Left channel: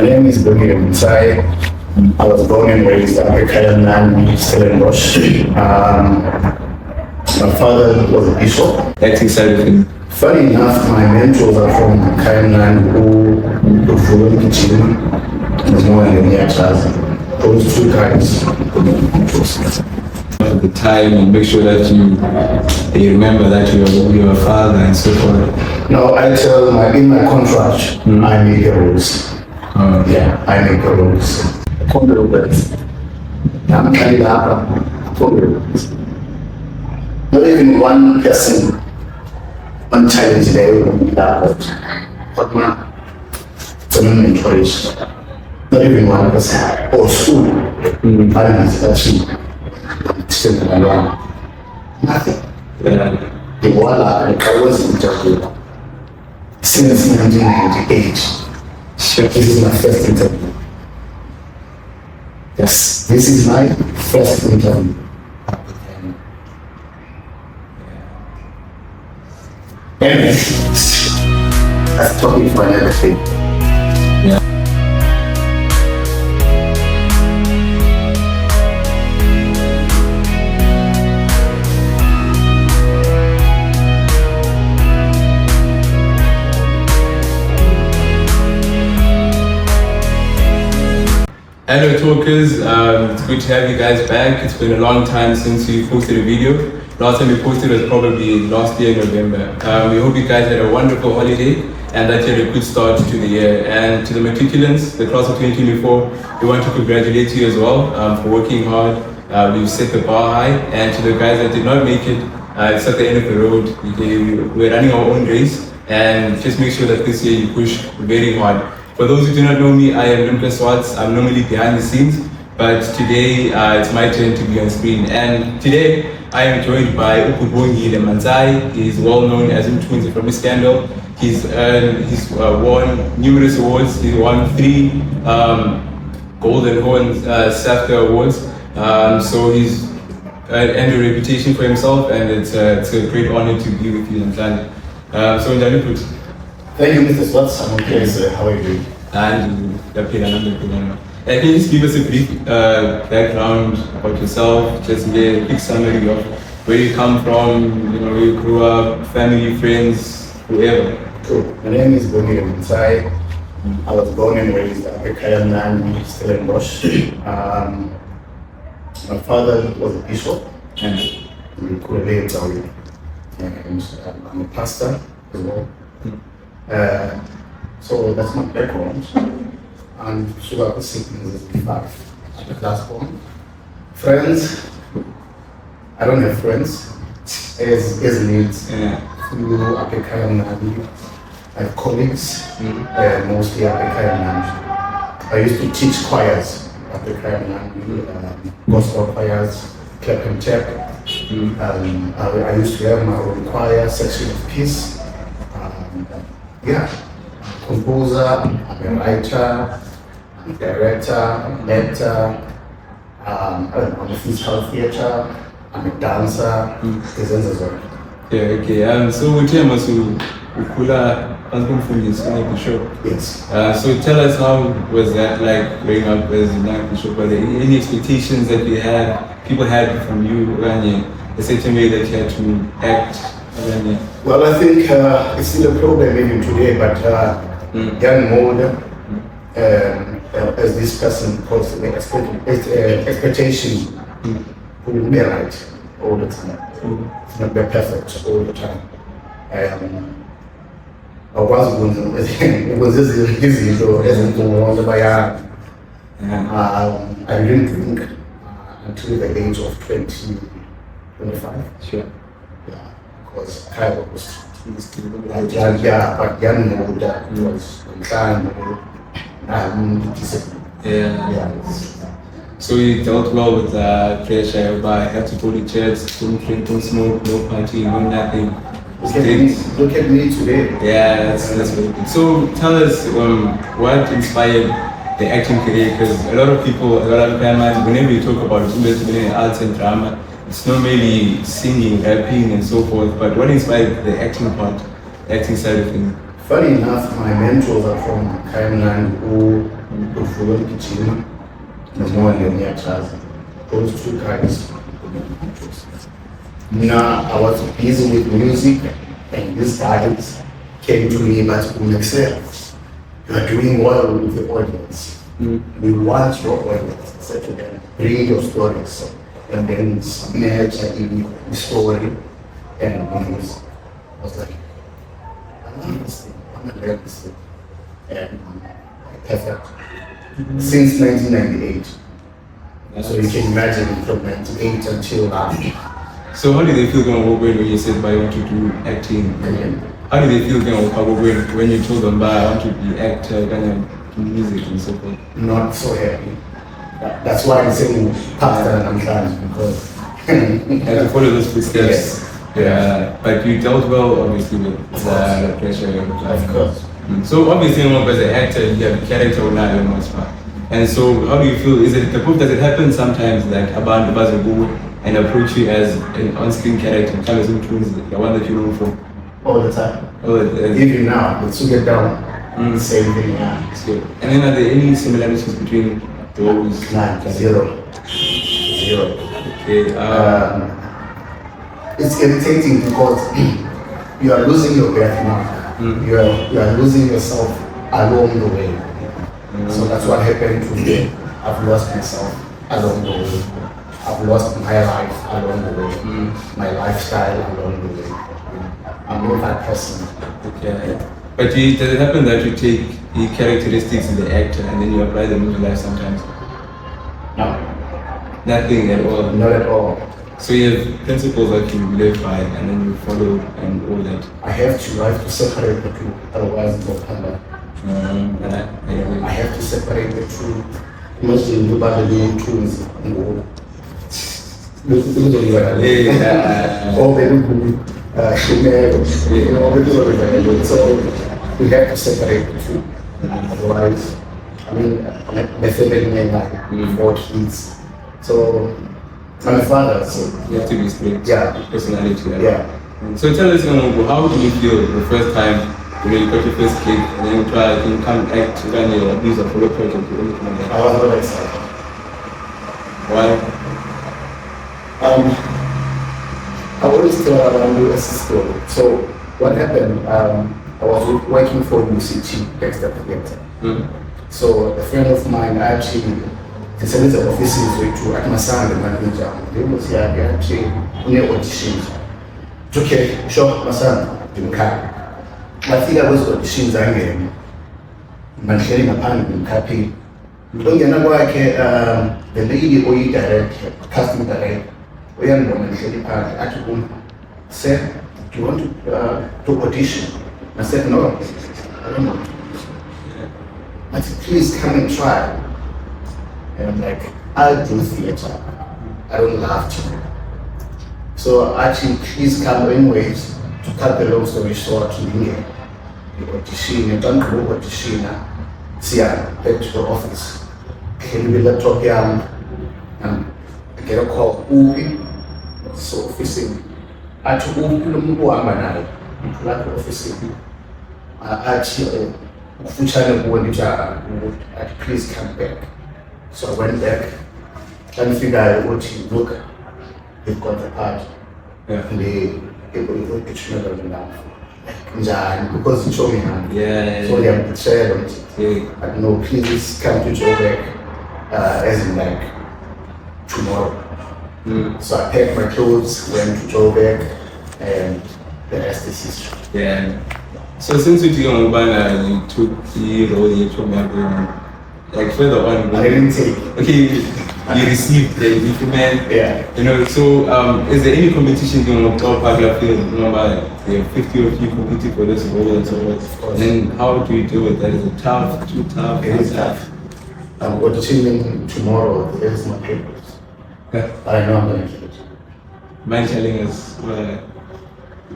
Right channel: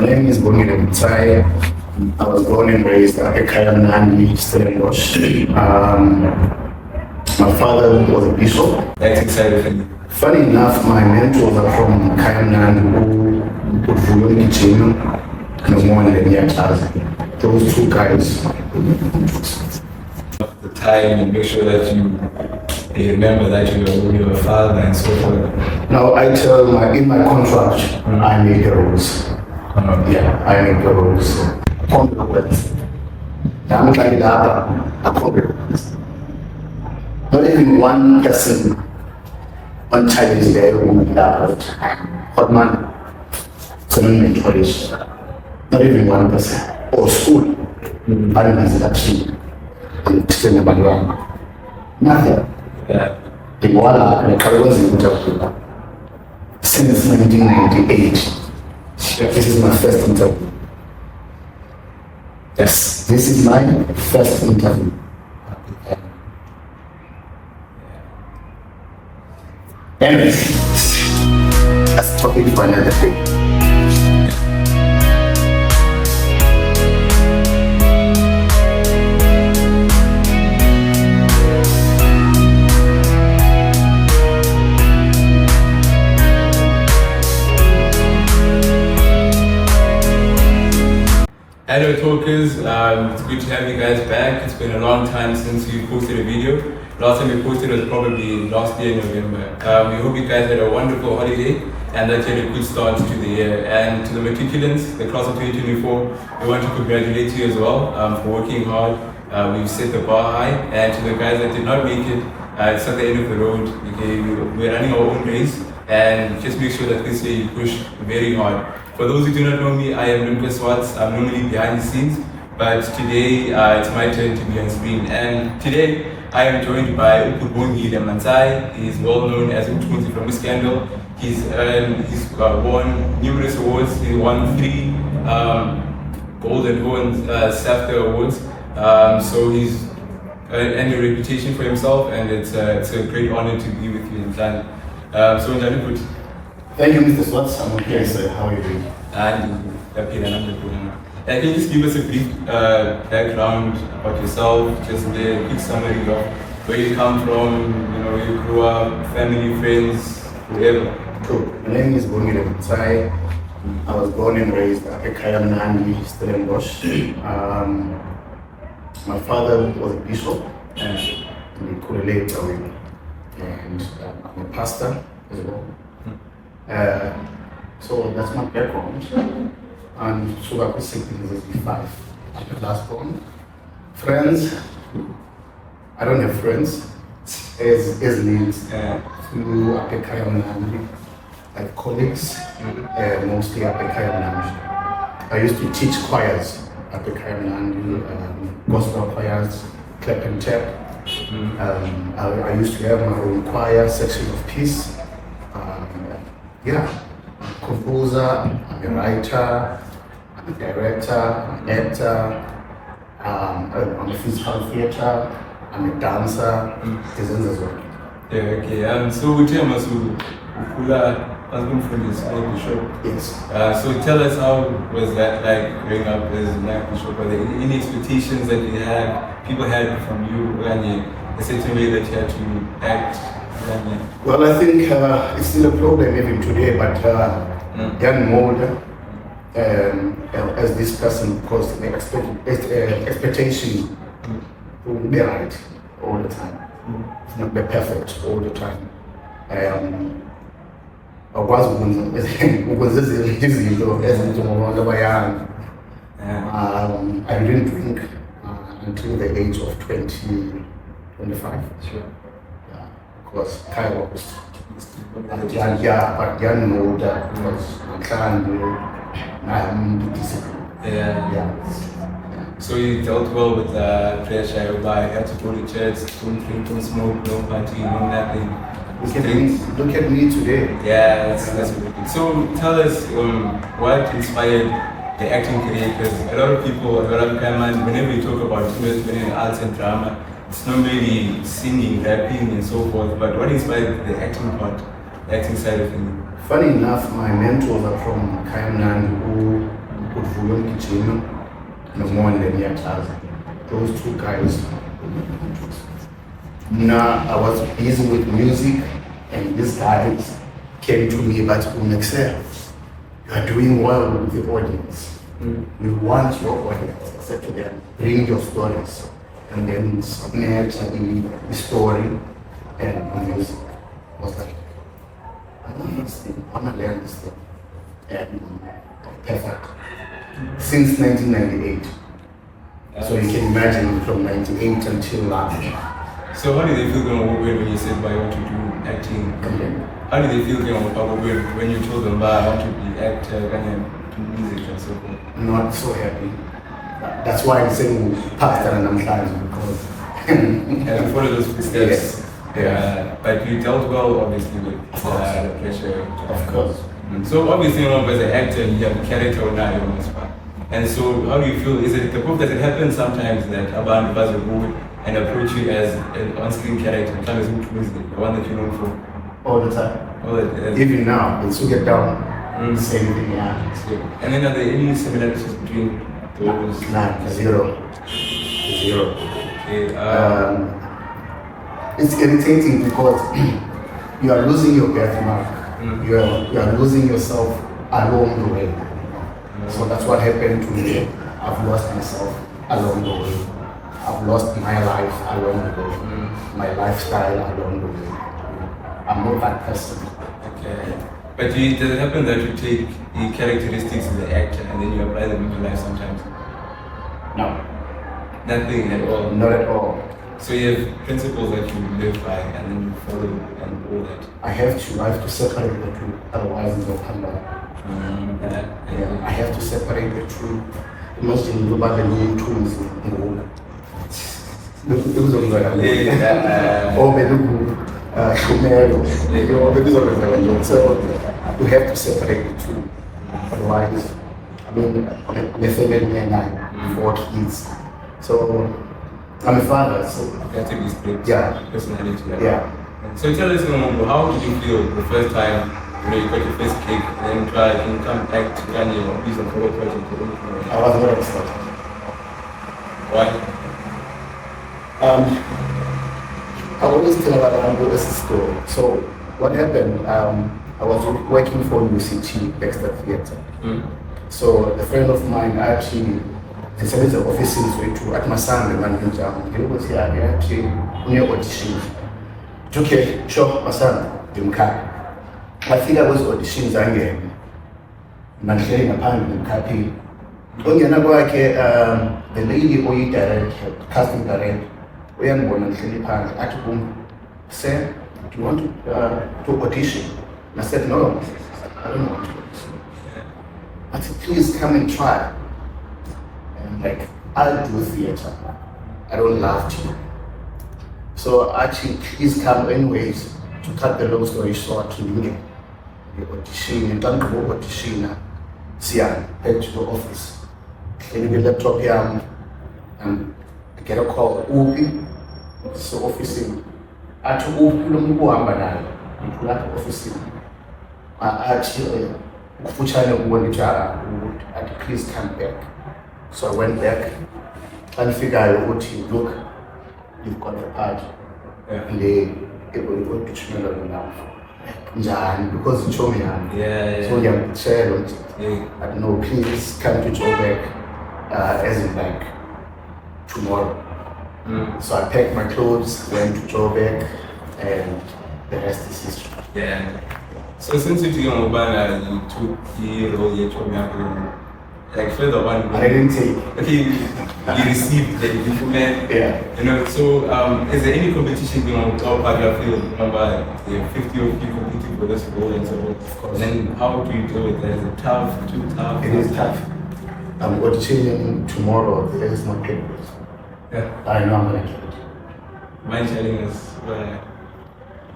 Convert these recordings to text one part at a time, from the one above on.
My name is Mr Bongile Mantsai. I was born and raised at Kayamandi, Stellenbosch. My father was a bishop. Acting side of things. Funny enough, my mentors are from Kayamandi, who would in gym and more than the year. Those two guys. At the time, and make sure that you remember that you're a father and so forth. Now I tell in my contract, I make the rules. Yeah, I make the rules. I can't do the words. I'm trying to happen. I can't do the words. Not even one person, one challenge there will be that hot man. It's an encourage. Not even one person. Or school. I don't know actually. Nothing. Yeah. The Walla and the Caribbean interview since 1998. Sure. This is my first interview. Yes, this is my first interview. Anyway, that's a topic for another thing. Hello talkers, it's good to have you guys back. It's been a long time since we posted a video. Last time we posted was probably last year in November. We hope you guys had a wonderful holiday and that you had a good start to the year. And to the matriculants, the class of 2024, we want to congratulate you as well for working hard. We've set the bar high, and to the guys that did not make it, it's at the end of the road. We're running our own race, and just make sure that this year you push very hard. For those who do not know me, I am Lumka Swartz. I'm normally behind the scenes, but today it's my turn to be on screen. And today I am joined by Mr Bongile Mantsai. He's well known as Umtunzi from Scandal. He's won numerous awards. He won 3 Golden Horns SAFTA awards. So he's earned a reputation for himself, and it's a great honor to be with you in London. So Njani. Thank you, Mr. Swartz. I'm okay, sir. How are you doing? And can you just give us a brief background about yourself, just a quick summary of where you come from, where you grew up, family, friends, whoever. Cool. My name is Bongile Mantsai. I was born and raised at Kayamandi, Stellenbosch. My father was a bishop in Kulele, and I'm a pastor as well. So that's my background. And so I was siblings is 5. I'm the last born. Friends, I don't have friends. As leads through Apekayamandi. I have colleagues, mostly Apekayamandi. I used to teach choirs at Apekayamandi, gospel choirs, clap and tap. I used to have my own choir, section of peace. Yeah, I'm a composer, I'm a writer, I'm a director, I'm an actor, I'm a physical theatre, I'm a dancer, Yeah, okay. So we tell us Ukula Bishop. Yes. So tell us, how was that like growing up as a young bishop? Were there any expectations that people had from you when a certain way that you had to act? Well, I think it's still a problem even today, but young mode, as this person calls it, the expectation will be right all the time, not be perfect all the time. I was I didn't drink until the age of 25. Sure. Yeah. Was kind of but young mode was discipline. Yeah. So you dealt well with pressure, but I had to go to church, don't drink, don't smoke, no party, no nothing. Look at me today. Yeah, that's really good. So tell us what inspired the acting career, because a lot of Kayamandi, whenever you talk about it, arts and drama, it's not really singing, rapping and so forth, but what inspired the acting part, the acting side of things? Funny enough, my mentors are from Kayamandi, who uvuyo mgijima nomonde ngiyachaza. Those two guys. Now I was busy with music, and these guys came to me, but Umexel, you are doing well with the audience. We want your audience. I said to them, bring your stories, and then submit the story and music. I was like, I love this thing, I want to learn this thing. And perfect. Since 1998. So you can imagine from 98 until last. So how did they feel when you said, "I want to do acting"? Again. How did they feel when you told them, "I want to be actor, and do music and so forth"? Not so happy. That's why I'm saying pastor and I'm trying because And to follow those footsteps. Yes. Yeah. But you dealt well, obviously, with the pressure. Of course. So obviously, as an actor, you have character on that. And so, how do you feel? Is it the proof that it happens sometimes that a band will go and approach you as an on-screen character, kind of the one that you know from? All the time. And Even now, it's to get down. Same thing, yeah. then are there any similarities between those? None, zero. Okay. It's irritating because you are losing your benchmark. You are losing yourself along the way. So that's what happened to me. I've lost myself along the way. I've lost my life along the way. My lifestyle along the way. I'm not that person. Okay. But does it happen that you take the characteristics of the actor and then you apply them in your life sometimes? No. Nothing at all? Not at all. So you have principles that you live by and then you follow and all that? I have to separate the two, otherwise it will come back. I have to separate the two. Imagine you buy the new tools. Or so you have to separate the two. Otherwise, I mean, I'm a family man, like 4 kids. So I'm a father, so you have to be straight. Yeah. Personality. Yeah. So tell us, how did you feel the first time you got your first gig and then you try and come act and use a photo project or anything like that? I was very excited. Why? I always tell Abraham a story. So what happened? I was working for UCT Dexter Theatre. So a friend of mine actually decided to offices to at my son the manager. He was here. He actually near auditions. Okay, sure, my son, Lumka. I think I was auditions again. Managing a pan in Capi. The lady or director, casting director, we are going to said, "Do you want to audition?" I said, "No, I don't want to audition." I said, "Please come and try." And I'm like, "I'll do theater. I don't love to." So actually, please come anyways. To cut the long story short, to the audition, and don't go audition. See, back to the office. Can you laptop here and get a call? So office. Actually, office. Actually, please come back. So I went back and figured out what you look. You've got the part. Yeah. Because you told me, so I'm sharing. But no, please come to Joburg, as in like tomorrow. So I packed my clothes, went to Joburg, and the rest is history. Yeah. So since you took on Obama, you took the role you told me like further on. I didn't take. Okay, you received the document. Yeah. So is there any competition going on top Pagla field? Remember, there are 50 of you competing for this role and so forth. And then how do you deal with that? Is it tough? Too tough? It is tough. I'm auditioning tomorrow. There's my papers. Yeah. I know I'm going to get it. Mind telling us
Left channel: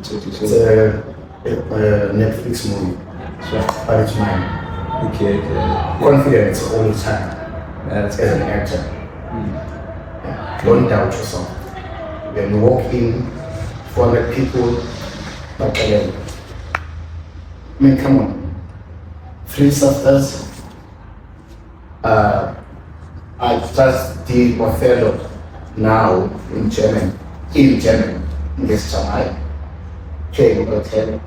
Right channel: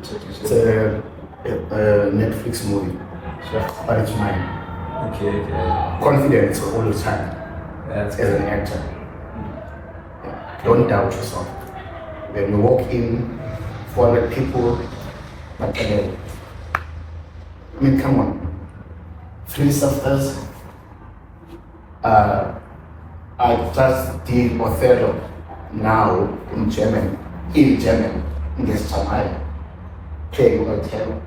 It's a Netflix movie, but it's mine. Okay. Confidence all the time. That's as an actor. Yeah. Don't doubt yourself. When you walk in, 400 people, but again, I mean, come on. 3 SAFTAs, I just did Othello now in German. In German, yes, Tamai. Okay, Othello.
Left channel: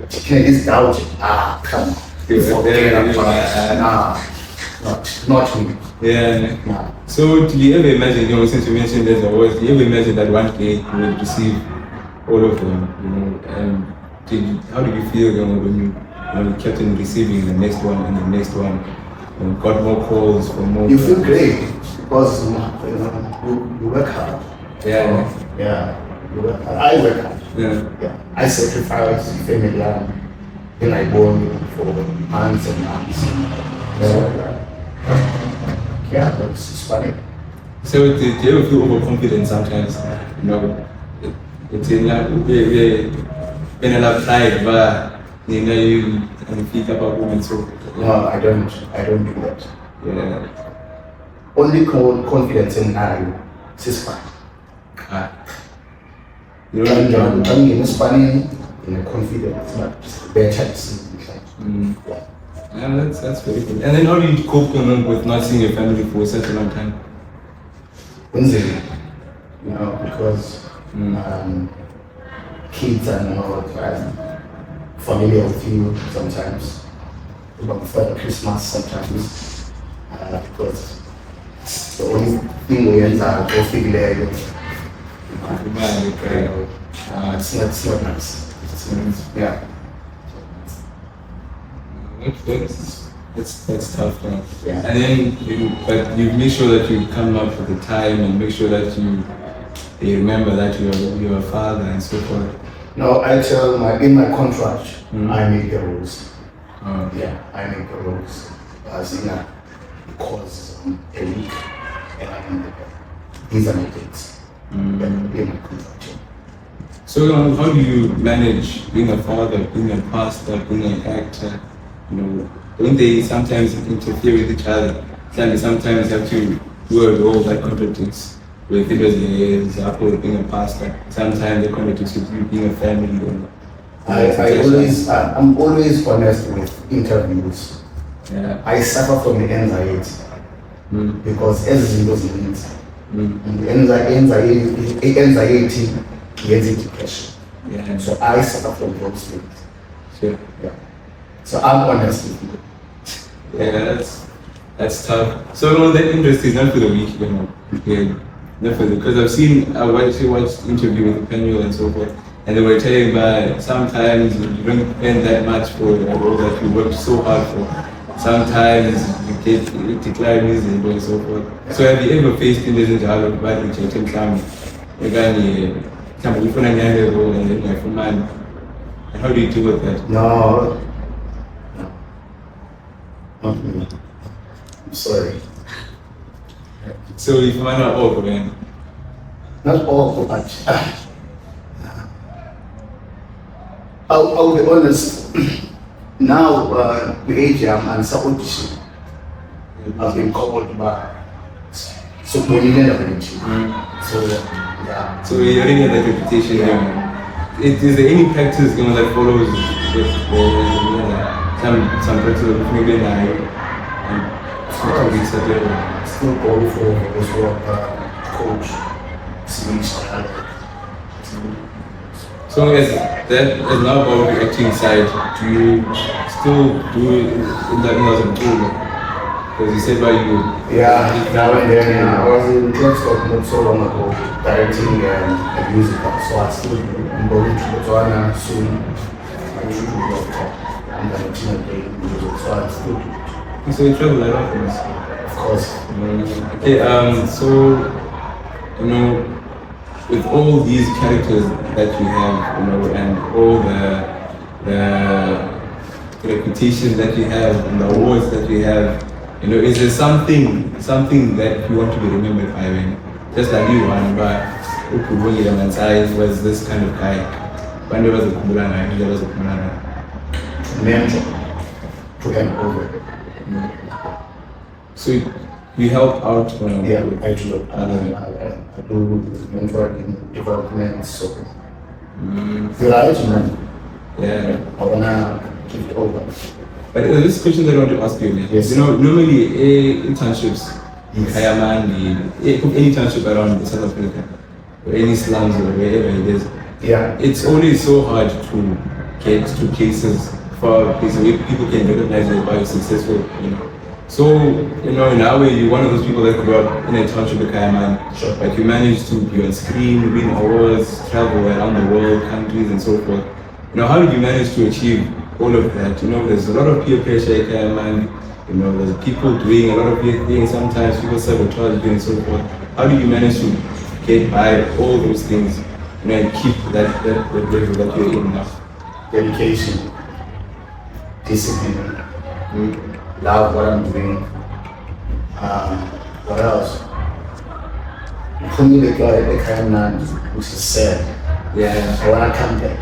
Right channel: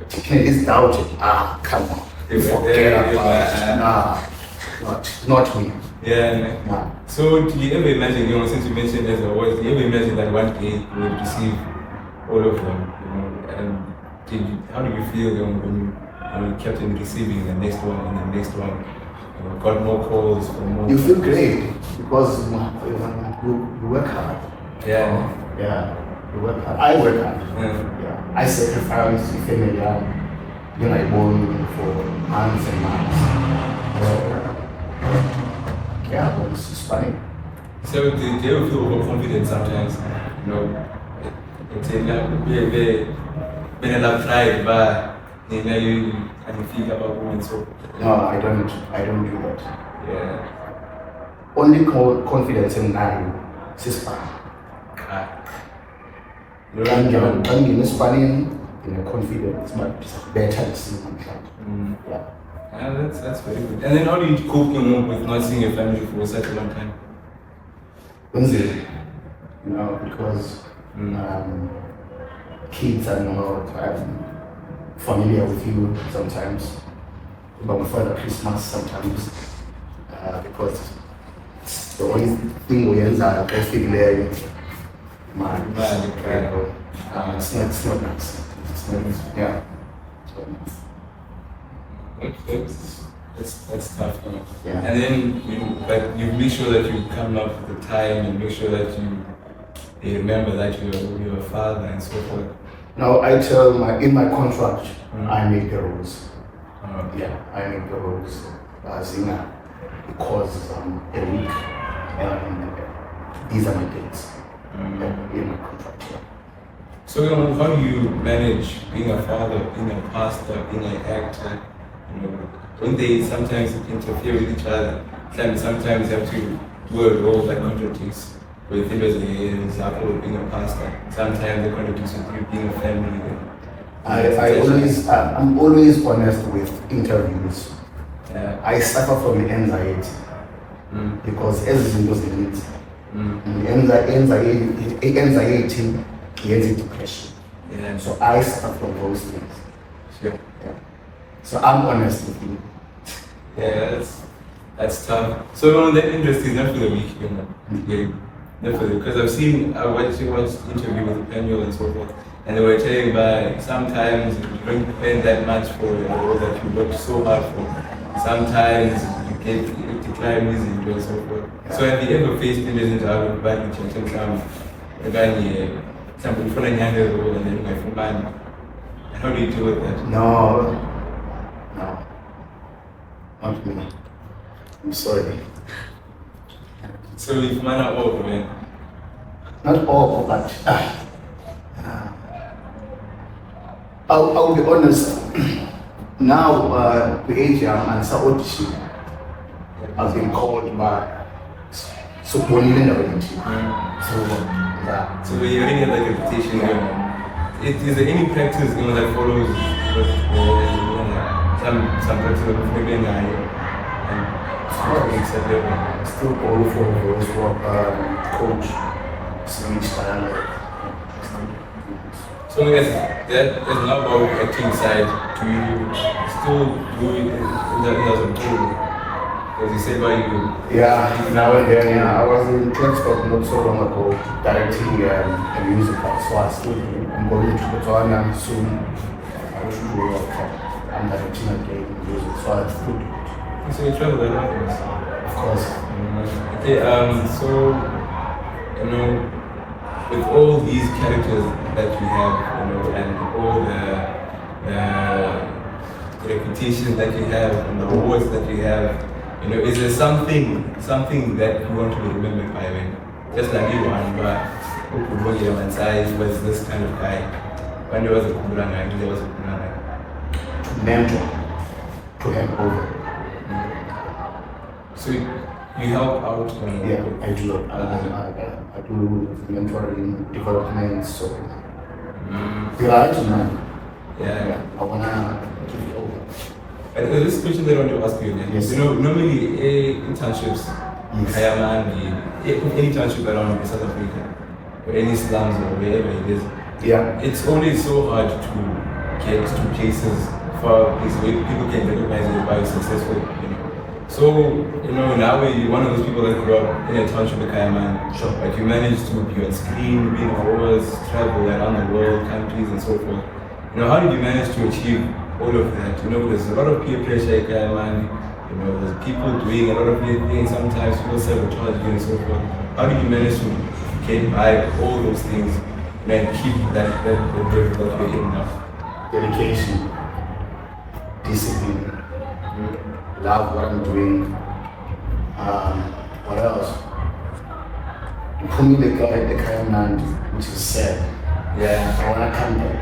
It's Belgium. Ah, come on. Forget about it. Nah, not me. Yeah. Nah. So, do you ever imagine, since you mentioned there's a voice, do you ever imagine that one day you would receive all of them, and how did you feel, when you kept on receiving the next one and the next one, got more calls for more? You feel great because you work hard. Yeah. Yeah. You work hard. I work hard. Yeah. I sacrifice family when I born for months and months. Yeah, but it's funny. So do you ever feel overconfident sometimes? It's in that when a lot pride, but you feel about women so. No, I don't do that. Yeah. Only confidence in I, sister. You I'm don't in Spanish in a confidence, but better to see sometimes. Yeah. Yeah, that's very good. And then how do you cope with not seeing your family for such a long time? Wednesday, because kids are not familiar with you sometimes. About Father Christmas sometimes, because it's the only thing we ends up go figure it's not nice. Yeah. That's tough, man. Yeah. And then you make sure that you come up with the time and make sure that you remember that you're a father and so forth. No, I tell in my contract, I make the rules. Yeah, I make the rules. As because a week, these are my dates. In my contract. Yeah. So how do you manage being a father, being a pastor, being an actor? Don't they sometimes interfere with each other? Sometimes you have to do a role that contradicts with it as being a pastor. Sometimes they contradict with you being a family. I'm always honest with interviews. Yeah. I suffer from the anxiety because everything goes in it. And the anxiety gets depression. Yeah. So I suffer from those things. Sure. Yeah. So I'm honest with you. Yeah, that's tough. So that interest is not for the weak, not for the, because I watched interview with the panel and so forth, and they were telling that sometimes you don't spend that much for a role that you worked so hard for. Sometimes you decline easily and so forth. So have you ever faced interviews to have a bad rejection? Somebody for a role and then you have man. And how do you deal with that? No, not me. I'm sorry. So if man are all, man. Not all, but I'll be honest. Now, the age I'm and audition, I've been called by so Bonnie So yeah. So you're getting that reputation. Is there any practice that follows with some practice of maybe and still go for his work, coach, speech dialogue. So as now about the acting side, do you still do it in that as a tool? Because you said about you. Yeah, now and then. Yeah, I was in Stellenbosch not so long ago, directing a musical. So I'm going to Botswana soon. I should do that. I'm directing a day music, so it's good. So you travel a lot, of course. Okay. So with all these characters that you have, and all the reputations that you have and the awards that you have, is there something that you want to be remembered by? Just like you one, but Mr Bongile Mantsai was this kind of guy. When there was a Kumulana, there was a Kumulana. Mentor to hand over. So you help out? Yeah, I do. I do mentoring, development, so. You're right, man. Yeah. I wanna give it over. But this question that I want to ask you, Yes. you know, normally internships, Yes. Kayamandi, any internship around South Africa, or any slums or wherever it is, Yeah. it's always so hard to get to places for places where people can recognize you by successful, you know. So, you know, in our way, you're one of those people that grew up in a township in Kayamandi. Sure. Like you managed to be on screen, win awards, travel around the world, countries and so forth. You know, how did you manage to achieve all of that? You know, there's a lot of peer pressure in Kayamandi. You know, there's people doing a lot of weird things sometimes, people sabotage and so forth. How did you manage to get by all those things, you know, and keep that level that you're in now? Dedication, discipline, love what I'm doing. What else? You put me the guy in the Kayamandi, which is sad. Yeah. I wanna come back.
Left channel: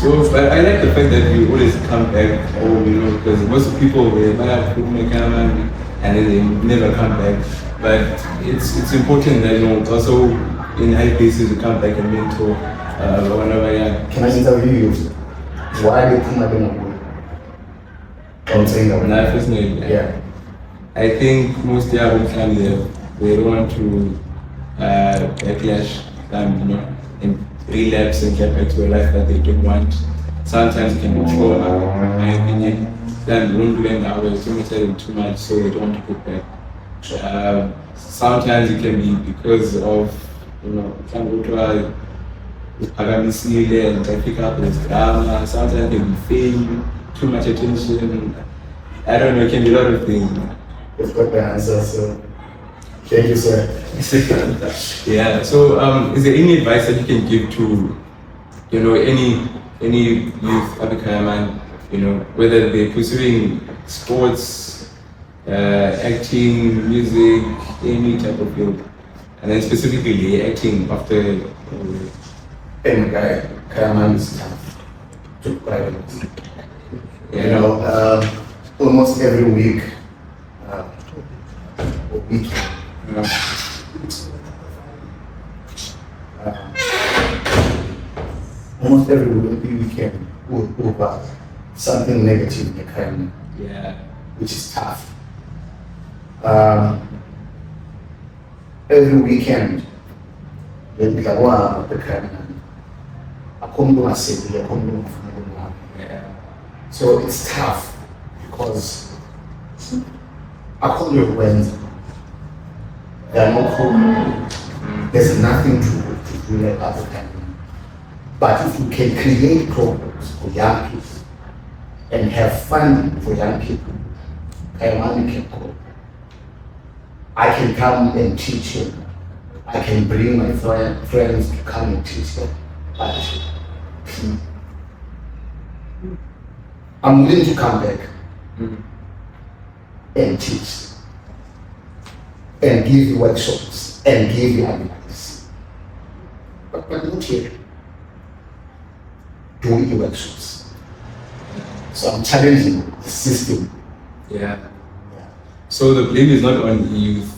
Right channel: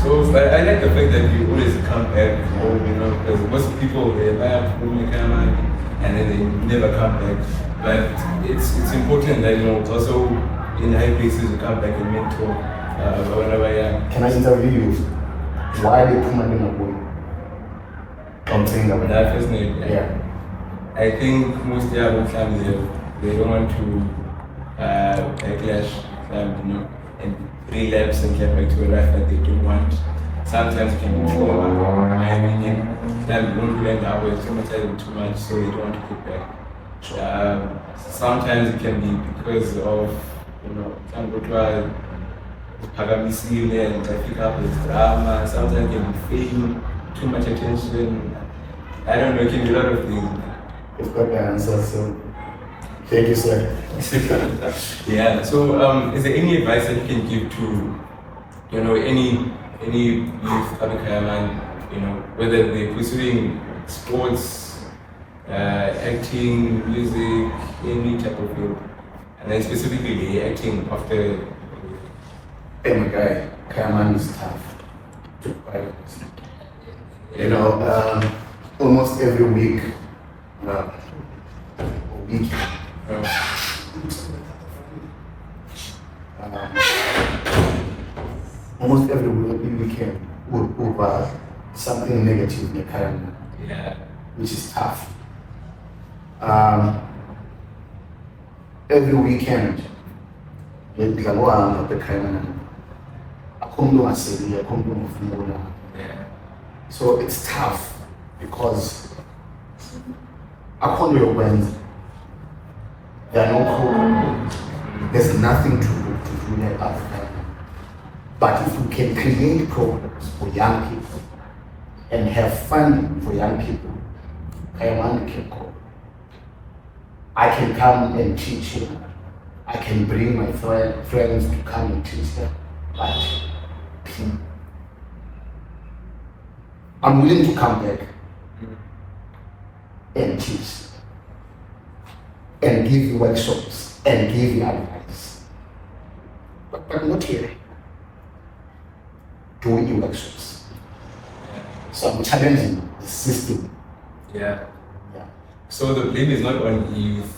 So, but I like the fact that you always come back home, you know, because most of people, they buy up from Kayamandi and then they never come back. But it's important that, you know, also in high places you come back and mentor whenever you're. Can I interview you? Why they put my name away? I'm saying that When I first met you, Yeah. I think most young families, they don't want to backlash, you know, and relapse and get back to a life that they don't want. Sometimes it can be trauma, in my opinion. Then won't learn that way, stigmatizing too much, so they don't want to go back. Sometimes it can be because of, you know, some go to Pagamisile and pick up this drama. Sometimes it can be fame, too much attention. I don't know, it can be a lot of things. You've got the answer, so thank you, sir. Yeah. So, is there any advice that you can give to, you know, any youth up in Kayamandi, you know, whether they're pursuing sports, acting, music, any type of field, and then specifically acting after. Hey, my guy, Kayamandi is tough. To be quite honest. You know, almost every week, or weekend. Almost every weekend over something negative in the Kayamandi, Yeah. which is tough. Every weekend, the Kayamandi. Yeah. So it's tough because according to your Wednesday, there are no programs. There's nothing to do like other time. But if you can create programs for young people and have funding for young people, Kayamandi can go. I can come and teach him. I can bring my friends to come and teach them. But I'm willing to come back and teach and give you workshops and give you advice. But not here. Doing the workshops. So I'm challenging the system. Yeah. Yeah. So the blame is not on youth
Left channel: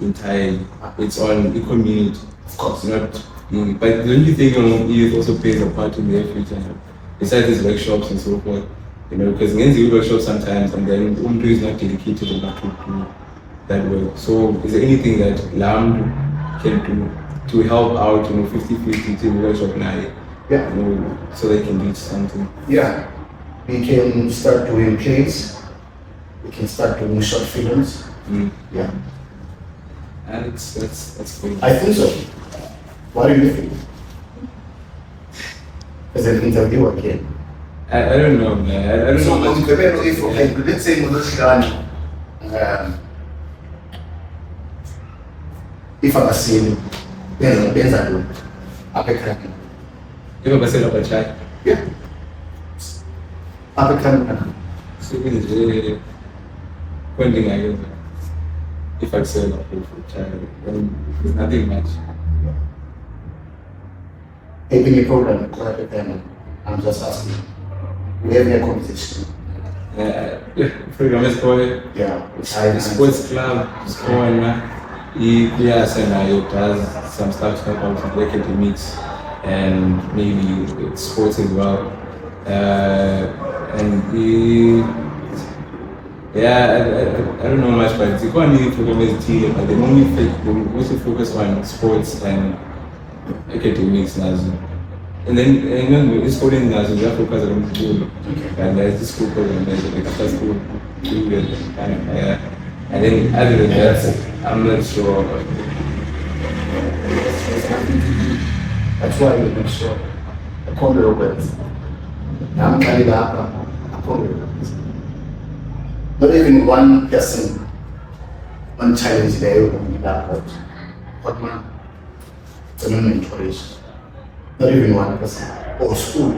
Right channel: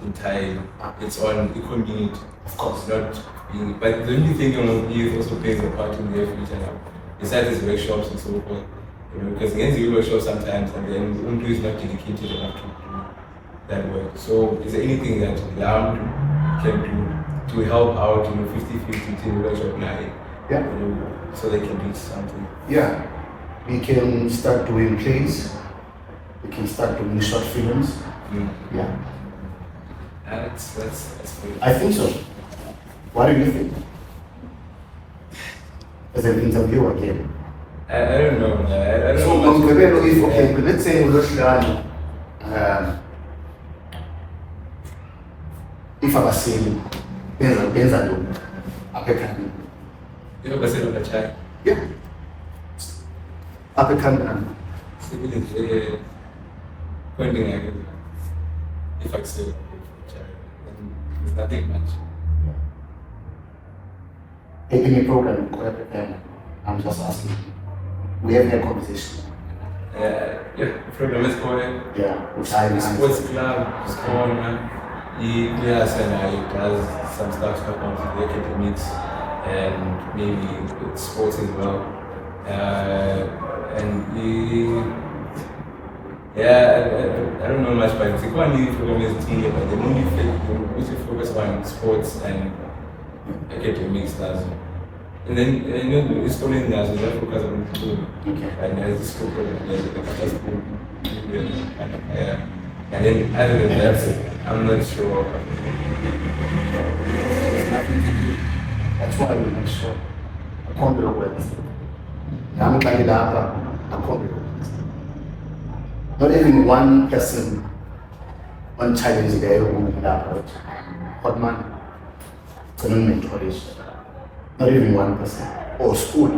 entirely. It's on the community. Of course. It's not being, but the only thing on youth also plays a part in their future now. Besides these workshops and so forth. You know, because in the workshop sometimes and then Umdu is not dedicated enough to do that work. So is there anything that LAM can do to help out, you know, 50-50 to the workshop now? Yeah. You know, so they can reach something. Yeah. We can start doing plays. We can start doing short films. Yeah. And that's great. I think so. What do you think? As an interview again. I don't know, man. I don't So know. much. if okay, let's say Muloshilani, if abaseli benza ntoni apha ekhaya. If I say no, chai. Yeah. Apha ekhaya. So it is pointing I guess. If I say no, chai, then there's nothing much. Any program apha ekhaya. I'm just asking. We have a conversation. Yeah, program is called Yeah. the sports club is going on. He does some stuff about the academics and maybe sports as well. and I don't know much, but it's quite new for team, but they also focus on sports and academics now. And then it's called in as we focus on school. And there's this school program, there's after school and then other than that, I'm not sure. That's why we make sure I can't do words. I'm carried up, I can't do words. Not even one person, one challenge there will be that hot man. It's a mentoration. Not even one person. Or school.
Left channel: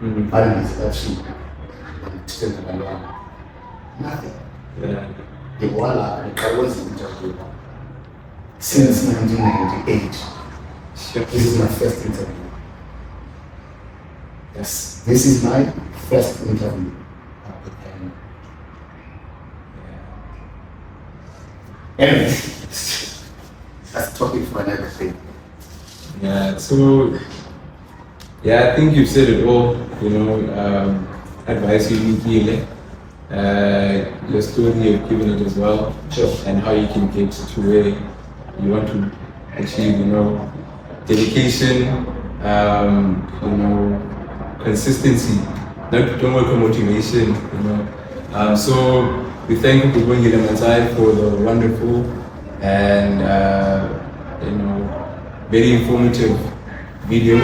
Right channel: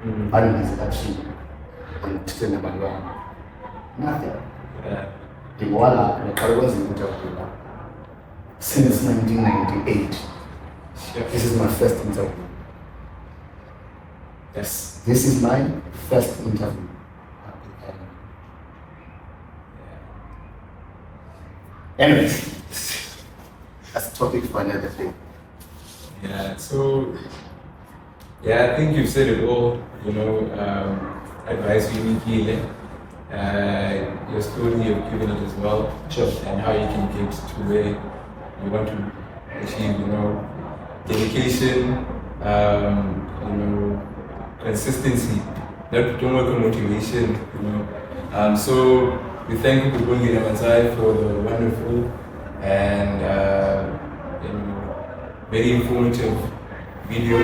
And is actually on teaching about nothing. Yeah. The Walla and the Caribbean interview since 1998. Sure. This is my first interview. Yes, this is my first interview. Anyway, that's a topic for another thing. Yeah, so I think you've said it all, advice you need healing. Your story you've given it as well. Sure. And how you can get to where you want to achieve, dedication, consistency, don't work on motivation, So we thank Mr Bongile Mantsai for the wonderful and very informative video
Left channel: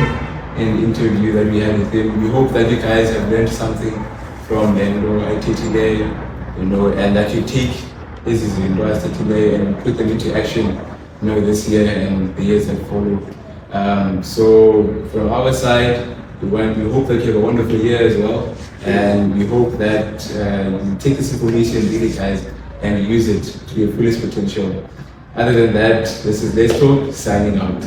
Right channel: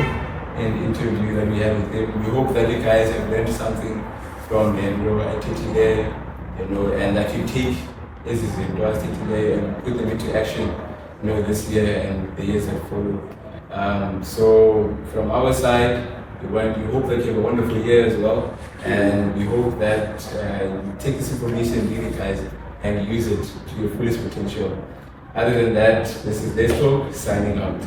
and interview that we had with him. We hope that you guys have learned something from IT today, and that you take this is interested today and put them into action, this year and the years that follow. So from our side, we hope that you have a wonderful year as well, and we hope that you take this information really, guys, and use it to your fullest potential. Other than that, this is Let's Talk signing out.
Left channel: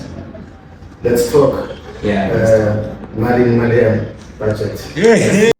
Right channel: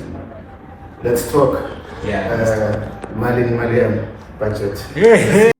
Let's talk. Yeah. Malian budget.